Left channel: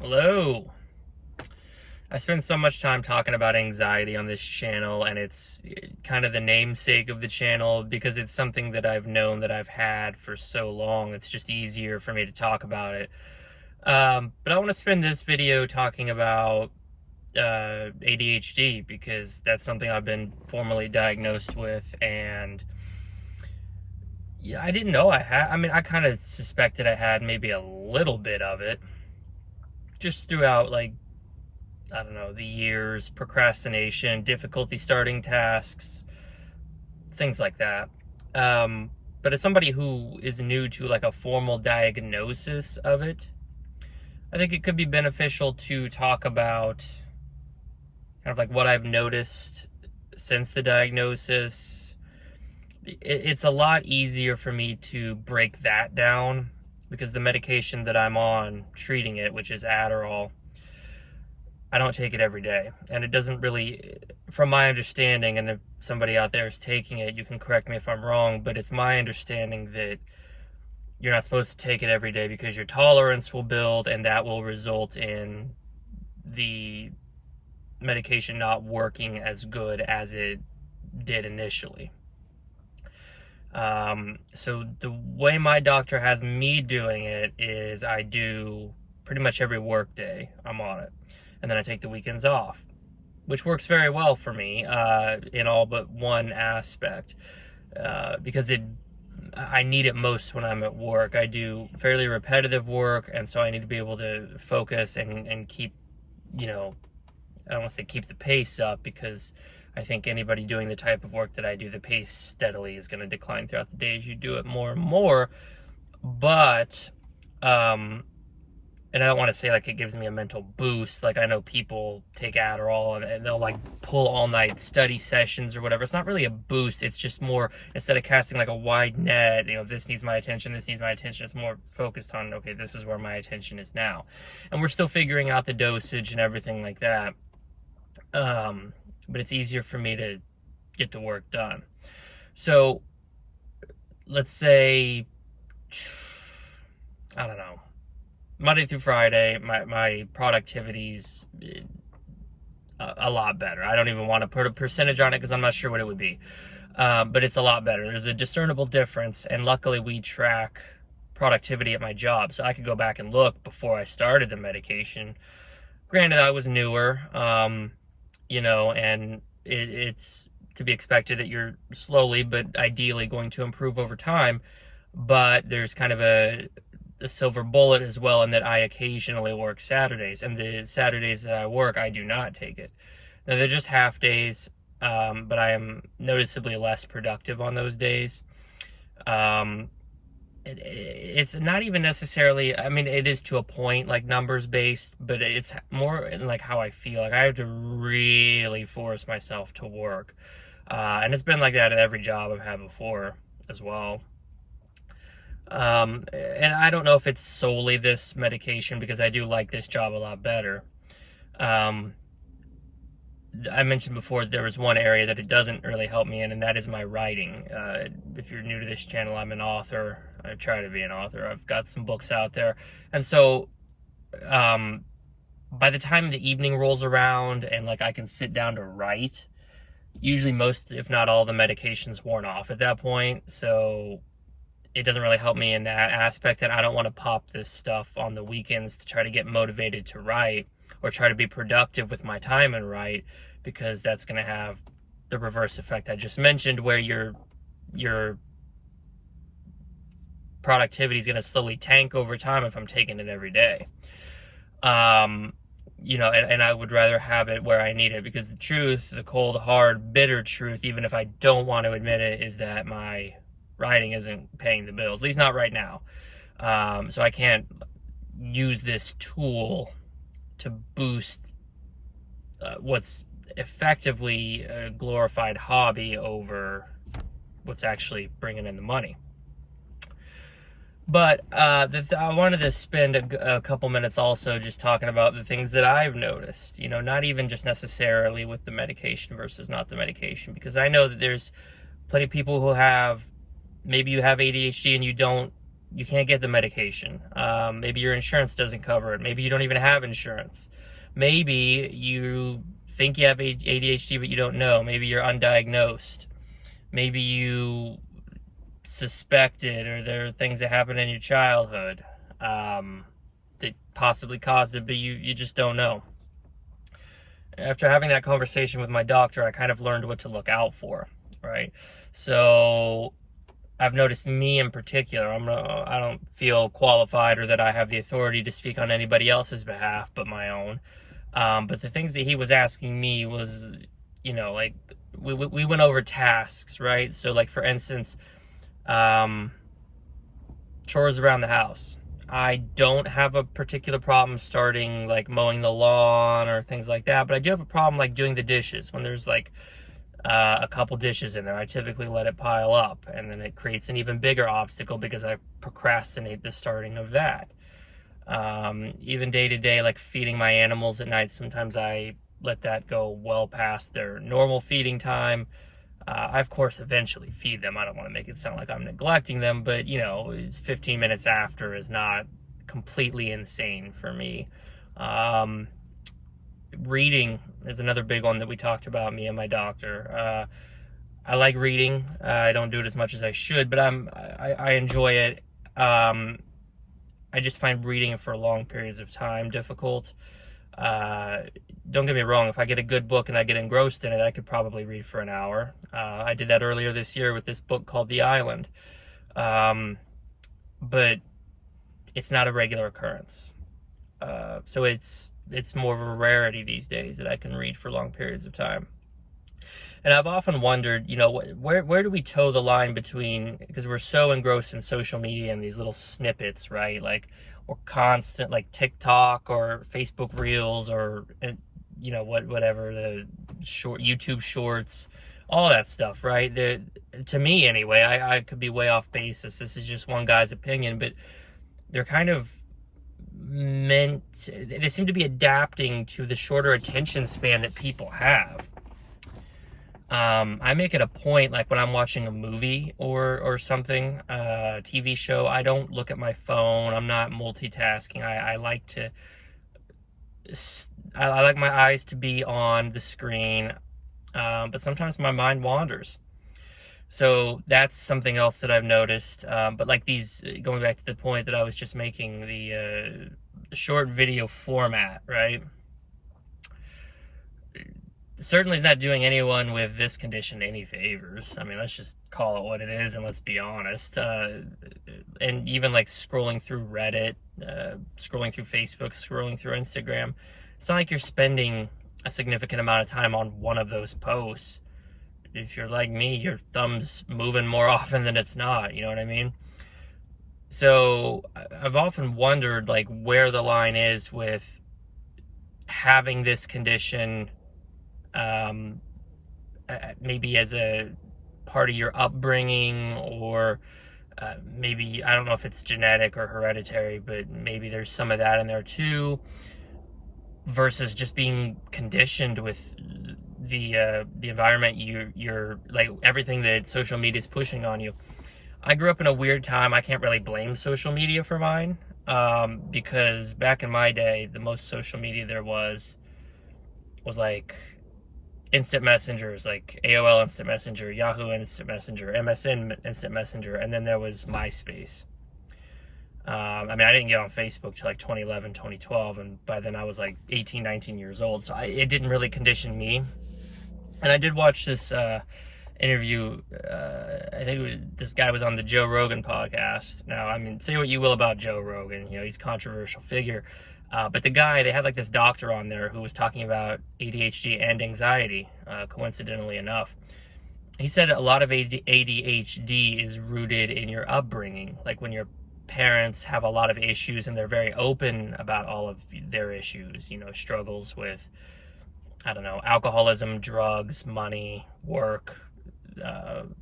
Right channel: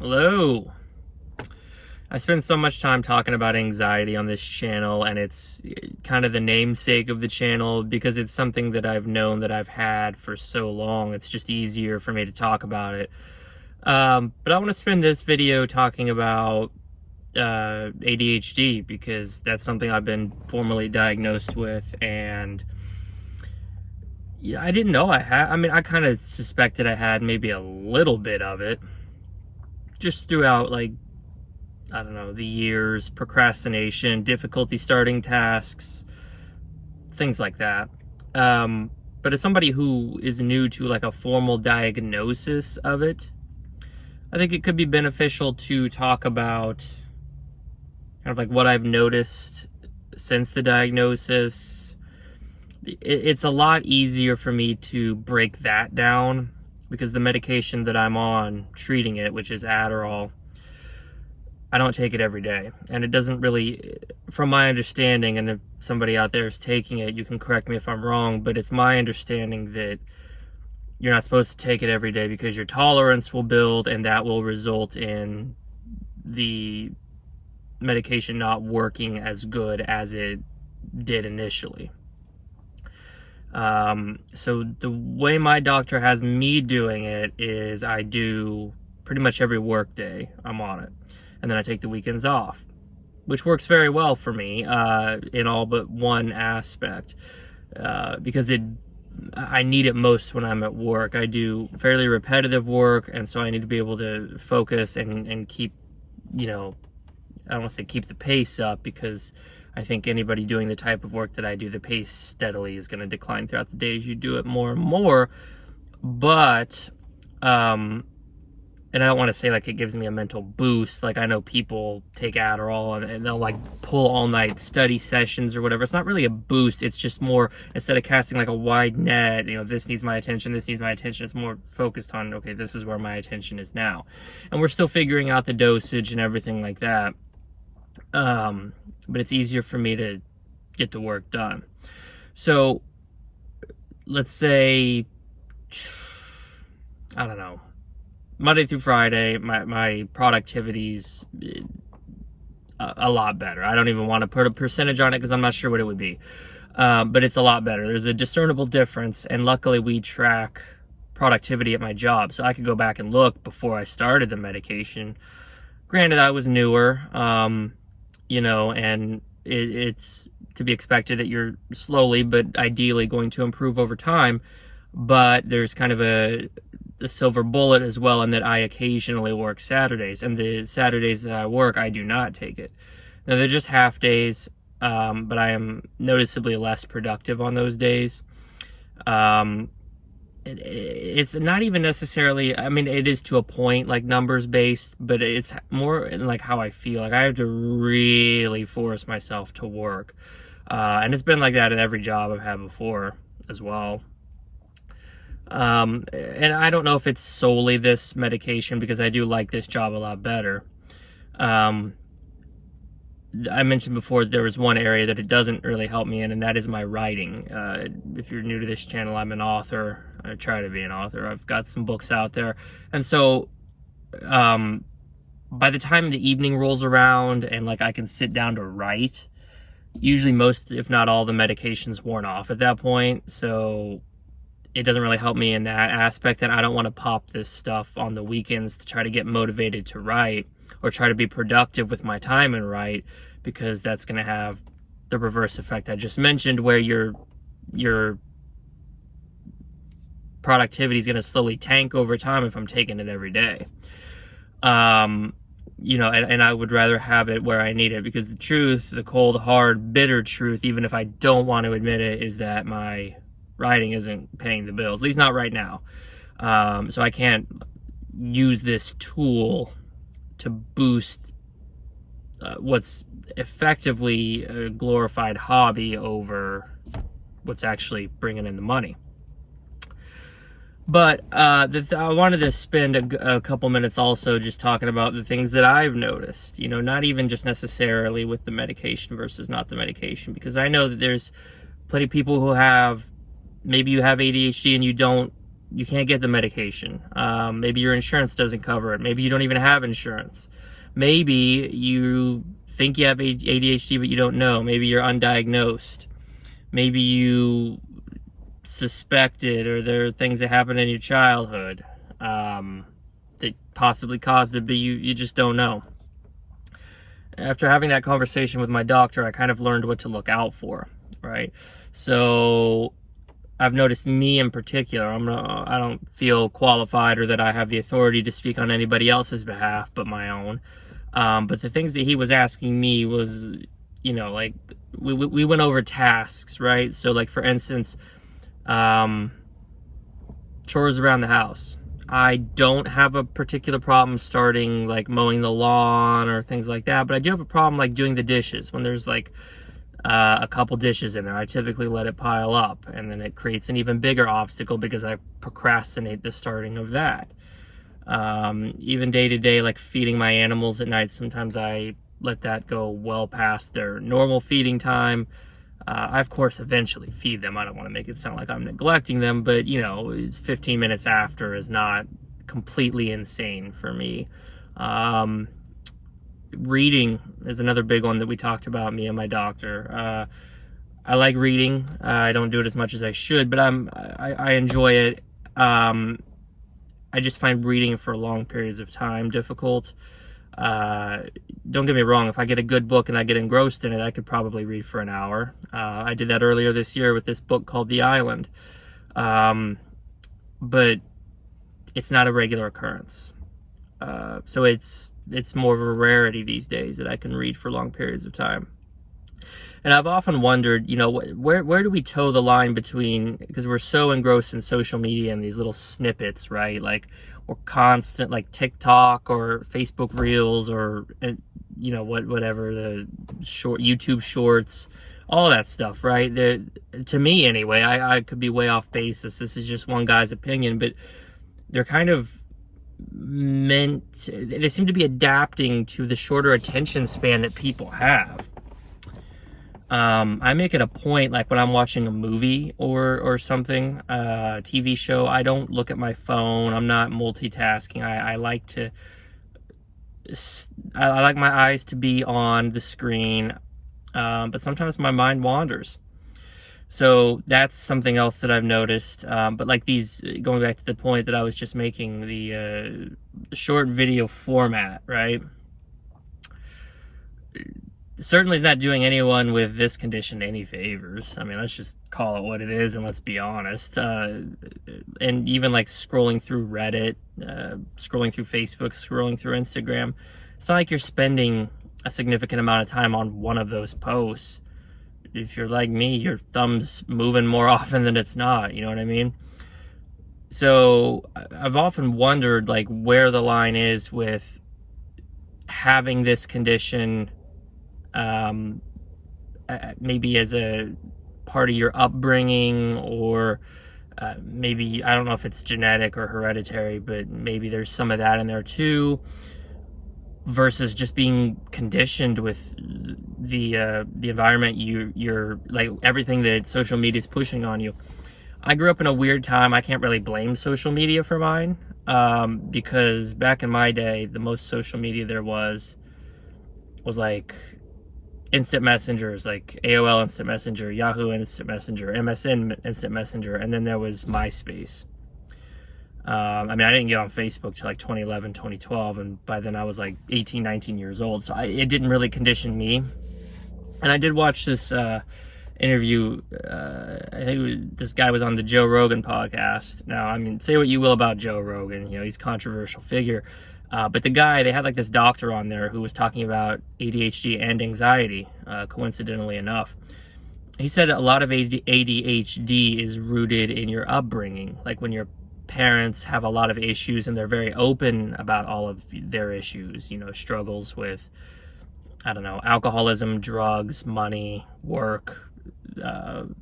Hello. I spend so much time talking about anxiety on this channel, and it's kind of the namesake of the channel because it's something that I've known that I've had for so long. It's just easier for me to talk about it. But I want to spend this video talking about ADHD because that's something I've been formally diagnosed with, and yeah, I didn't know I had. I mean, I kind of suspected I had maybe a little bit of it just throughout, like, I don't know, the years, procrastination, difficulty starting tasks, things like that. But as somebody who is new to like a formal diagnosis of it, I think it could be beneficial to talk about kind of like what I've noticed since the diagnosis. It's a lot easier for me to break that down because the medication that I'm on treating it, which is Adderall, I don't take it every day, and it doesn't really, from my understanding, and if somebody out there is taking it, you can correct me if I'm wrong, but it's my understanding that you're not supposed to take it every day because your tolerance will build, and that will result in the medication not working as good as it did initially. So the way my doctor has me doing it is I do pretty much every work day I'm on it. And then I take the weekends off, which works very well for me in all but one aspect, because I need it most when I'm at work. I do fairly repetitive work, and so I need to be able to focus and keep, I don't want to say keep the pace up, because I think anybody doing the type of work that I do, the pace steadily is going to decline throughout the day as you do it more and more. But and I don't want to say like it gives me a mental boost. Like, I know people take Adderall and they'll like pull all night study sessions or whatever. It's not really a boost. It's just more, instead of casting like a wide net, this needs my attention, this needs my attention, it's more focused on, okay, this is where my attention is now. And we're still figuring out the dosage and everything like that. But it's easier for me to get the work done. So let's say, I don't know, Monday through Friday, my productivity's a lot better. I don't even want to put a percentage on it because I'm not sure what it would be. But it's a lot better. There's a discernible difference, and luckily we track productivity at my job. So I could go back and look before I started the medication. Granted, I was newer, and it's to be expected that you're slowly but ideally going to improve over time. But there's kind of a silver bullet as well, in that I occasionally work Saturdays, and the Saturdays that I work, I do not take it. Now, they're just half days, but I am noticeably less productive on those days. It's not even necessarily, I mean, it is to a point, like numbers based, but it's more in like how I feel. Like, I have to really force myself to work, and it's been like that at every job I've had before as well. And I don't know if it's solely this medication, because I do like this job a lot better. I mentioned before there was one area that it doesn't really help me in, and that is my writing. If you're new to this channel, I'm an author. I try to be an author. I've got some books out there. And so, by the time the evening rolls around and like I can sit down to write, usually most, if not all, the medication's worn off at that point. So it doesn't really help me in that aspect, and I don't want to pop this stuff on the weekends to try to get motivated to write or try to be productive with my time and write, because that's going to have the reverse effect I just mentioned, where your productivity is going to slowly tank over time if I'm taking it every day. And I would rather have it where I need it, because the truth, the cold, hard, bitter truth, even if I don't want to admit it, is that my writing isn't paying the bills, at least not right now. So I can't use this tool to boost what's effectively a glorified hobby over what's actually bringing in the money. But I wanted to spend a couple minutes also just talking about the things that I've noticed, not even just necessarily with the medication versus not the medication, because I know that there's plenty of people who have, maybe you have ADHD and you don't you can't get the medication. Maybe your insurance doesn't cover it. Maybe you don't even have insurance. Maybe you think you have ADHD, but you don't know. Maybe you're undiagnosed. Maybe you suspect it, or there are things that happened in your childhood that possibly caused it, but you just don't know. After having that conversation with my doctor, I kind of learned what to look out for, right? So I've noticed me in particular, I don't feel qualified or that I have the authority to speak on anybody else's behalf but my own. But the things that he was asking me was, like we went over tasks, right? So like, for instance, chores around the house. I don't have a particular problem starting like mowing the lawn or things like that, but I do have a problem like doing the dishes. When there's like a couple dishes in there, I typically let it pile up, and then it creates an even bigger obstacle because I procrastinate the starting of that. Even day to day, like feeding my animals at night, sometimes I let that go well past their normal feeding time. I, of course, eventually feed them. I don't want to make it sound like I'm neglecting them, but, 15 minutes after is not completely insane for me. Reading is another big one that we talked about, me and my doctor. I like reading. I don't do it as much as I should, but I enjoy it. I just find reading for long periods of time difficult. Don't get me wrong, if I get a good book and I get engrossed in it, I could probably read for an hour. I did that earlier this year with this book called The Island. But it's not a regular occurrence. So it's more of a rarity these days that I can read for long periods of time. And I've often wondered, where do we toe the line between, because we're so engrossed in social media and these little snippets, right? Like, or constant, like TikTok or Facebook Reels or, whatever, the short YouTube Shorts, all that stuff, right? To me anyway, I could be way off basis. This is just one guy's opinion, but they're kind of they seem to be adapting to the shorter attention span that people have. I make it a point, like when I'm watching a movie or something, TV show, I don't look at my phone. I'm not multitasking. I like my eyes to be on the screen, but sometimes my mind wanders. So that's something else that I've noticed. But like going back to the point that I was just making, the short video format, right? Certainly is not doing anyone with this condition any favors. I mean, let's just call it what it is and let's be honest. And even like scrolling through Reddit, scrolling through Facebook, scrolling through Instagram, it's not like you're spending a significant amount of time on one of those posts. If you're like me, your thumb's moving more often than it's not, you know what I mean? So I've often wondered like where the line is with having this condition, maybe as a part of your upbringing, or maybe, I don't know if it's genetic or hereditary, but maybe there's some of that in there too, versus just being conditioned with the environment you're like, everything that social media is pushing on you. I grew up in a weird time. I can't really blame social media for mine, because back in my day, the most social media there was like instant messengers, like AOL Instant Messenger, Yahoo Instant Messenger, MSN Instant Messenger, and then there was MySpace. I mean, I didn't get on Facebook till like 2011, 2012, and by then I was like 18, 19 years old, so it didn't really condition me. And I did watch this interview, I think this guy was on the Joe Rogan podcast. Now, I mean, say what you will about Joe Rogan, he's a controversial figure, but the guy, they had like this doctor on there who was talking about ADHD and anxiety, coincidentally enough. He said a lot of ADHD is rooted in your upbringing, like when your parents have a lot of issues and they're very open about all of their issues, struggles with, I don't know, alcoholism, drugs, money, work,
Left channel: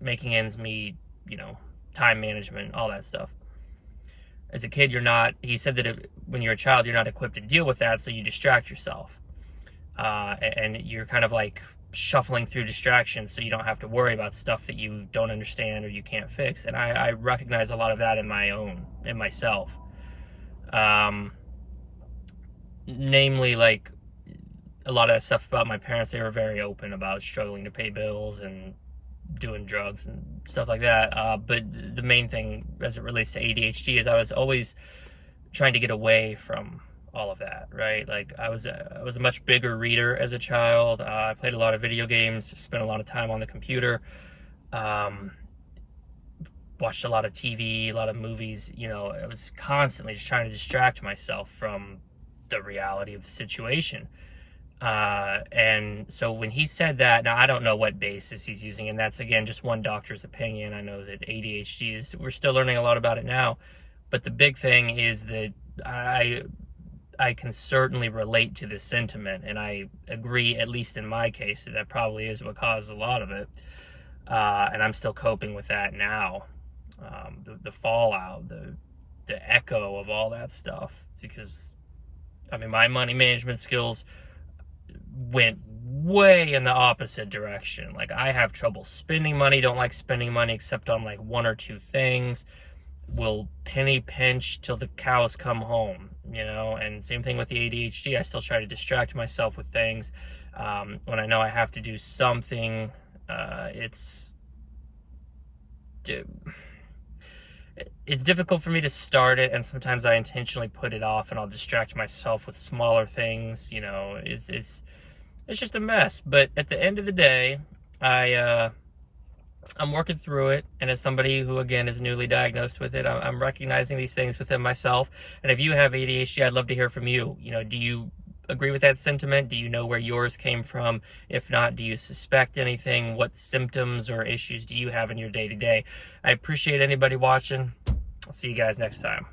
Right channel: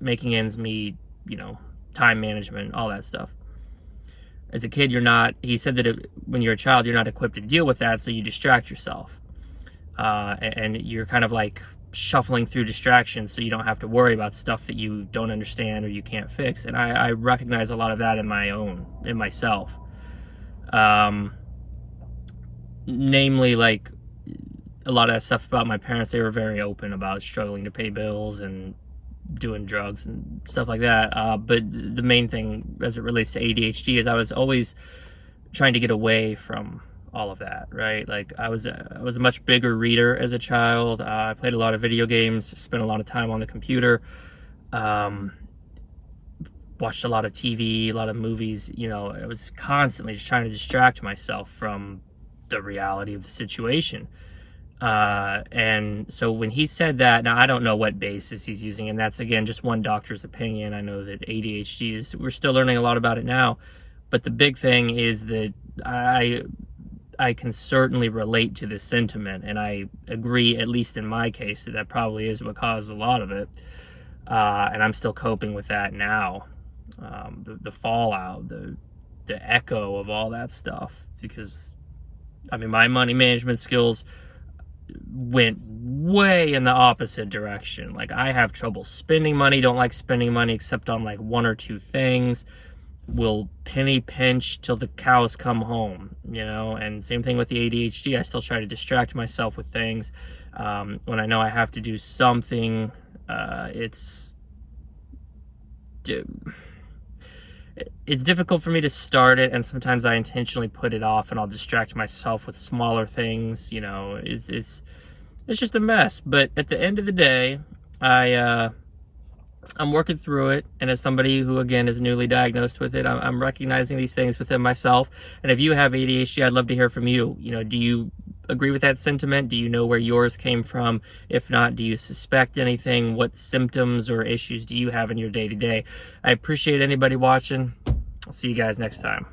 making ends meet, time management, all that stuff. As a kid, he said that when you're a child, you're not equipped to deal with that, so you distract yourself. And you're kind of like shuffling through distractions so you don't have to worry about stuff that you don't understand or you can't fix. And I recognize a lot of that in myself. Namely, like, a lot of that stuff about my parents, they were very open about struggling to pay bills and doing drugs and stuff like that. But the main thing as it relates to ADHD is I was always trying to get away from all of that, right? Like, I was a much bigger reader as a child. I played a lot of video games, spent a lot of time on the computer, watched a lot of TV, a lot of movies. You know, I was constantly just trying to distract myself from the reality of the situation. And so when he said that, now I don't know what basis he's using, and that's, again, just one doctor's opinion. I know that ADHD is, we're still learning a lot about it now, but the big thing is that I can certainly relate to this sentiment, and I agree, at least in my case, that probably is what caused a lot of it. And I'm still coping with that now. The fallout, the echo of all that stuff, because, I mean, my money management skills went way in the opposite direction. Like, I have trouble spending money, don't like spending money except on like one or two things. Will penny pinch till the cows come home, you know. And same thing with the ADHD. I still try to distract myself with things. When I know I have to do something, it's difficult for me to start it, and sometimes I intentionally put it off, and I'll distract myself with smaller things. You know, it's just a mess. But at the end of the day, I'm working through it, and as somebody who, again, is newly diagnosed with it, I'm recognizing these things within myself. And if you have ADHD, I'd love to hear from you. You know, do you agree with that sentiment? Do you know where yours came from? If not, do you suspect anything? What symptoms or issues do you have in your day-to-day? I appreciate anybody watching. I'll see you guys next time.